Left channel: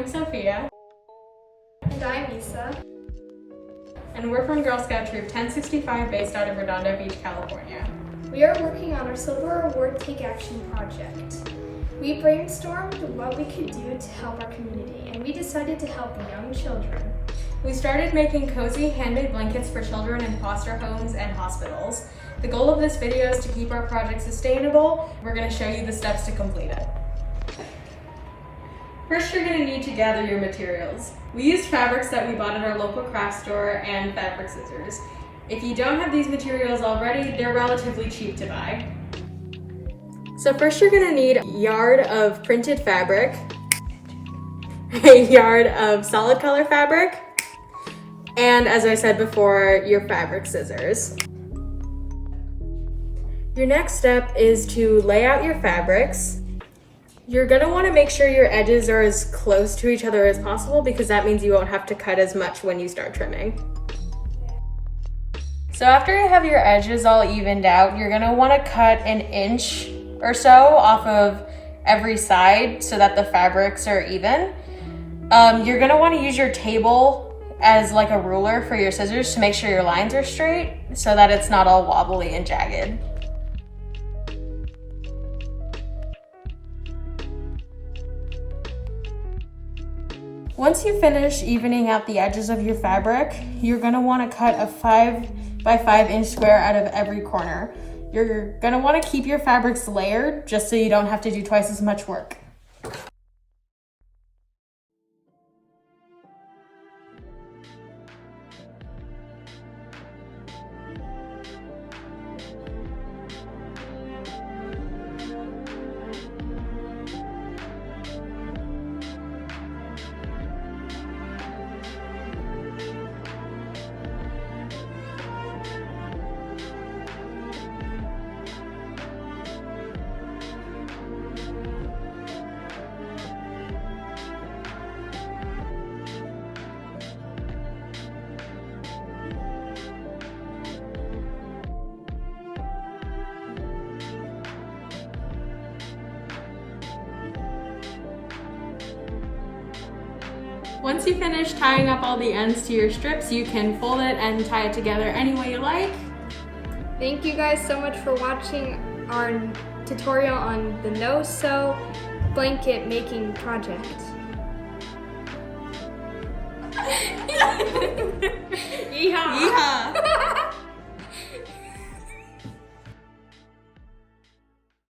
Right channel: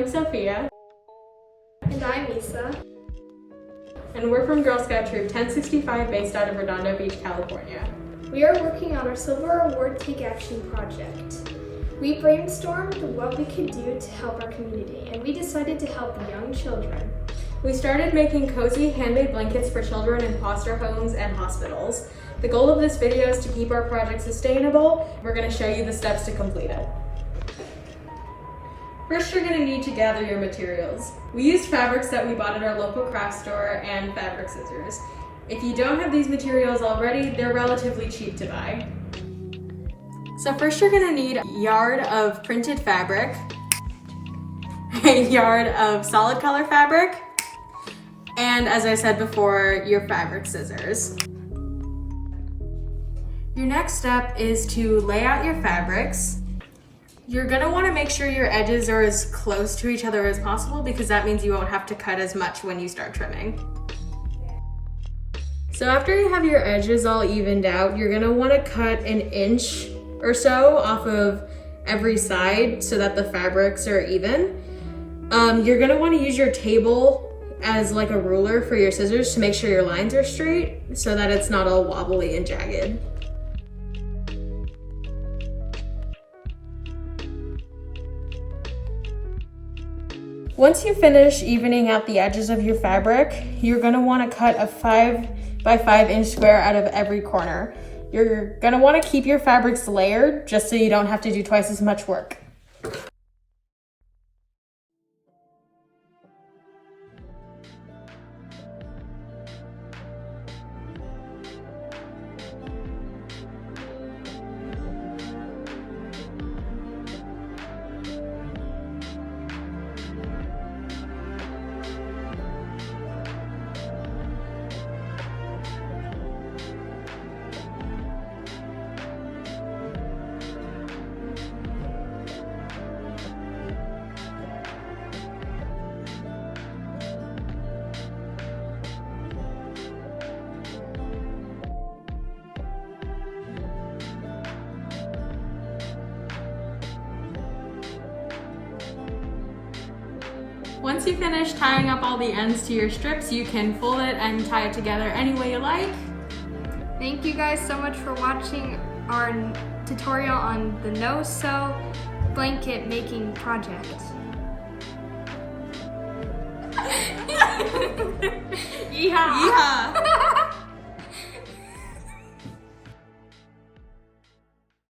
I'm Sophia. And I'm Isa. And we're from Girl Scout Troop 1065 based out of Redondo Beach, California. We are working on our Silver Award Take Action project. We brainstormed what we could do to help our community, and we decided to help young children. We started making cozy handmade blankets for children in foster homes and hospitals. The goal of this video is to keep our project sustainable. We're going to show you the steps to complete it. First, you're going to need to gather your materials. We used fabrics that we bought at our local craft store and fabric scissors. If you don't have these materials already, they're relatively cheap to buy. So first you're going to need a yard of printed fabric, a yard of solid color fabric, and as I said before, your fabric scissors. Your next step is to lay out your fabrics. You're gonna wanna make sure your edges are as close to each other as possible because that means you won't have to cut as much when you start trimming. So after you have your edges all evened out, you're gonna wanna cut 1 inch or so off of every side so that the fabrics are even. You're gonna wanna use your table as like a ruler for your scissors to make sure your lines are straight so that it's not all wobbly and jagged. Once you finish evening out the edges of your fabric, you're gonna wanna cut a 5 by 5 inch square out of every corner. You're gonna wanna keep your fabrics layered just so you don't have to do twice as much work. Once you finish tying up all the ends to your strips, you can fold it and tie it together any way you like. Thank you guys so much for watching our tutorial on the no-sew blanket making project. Yeehaw! Yeehaw!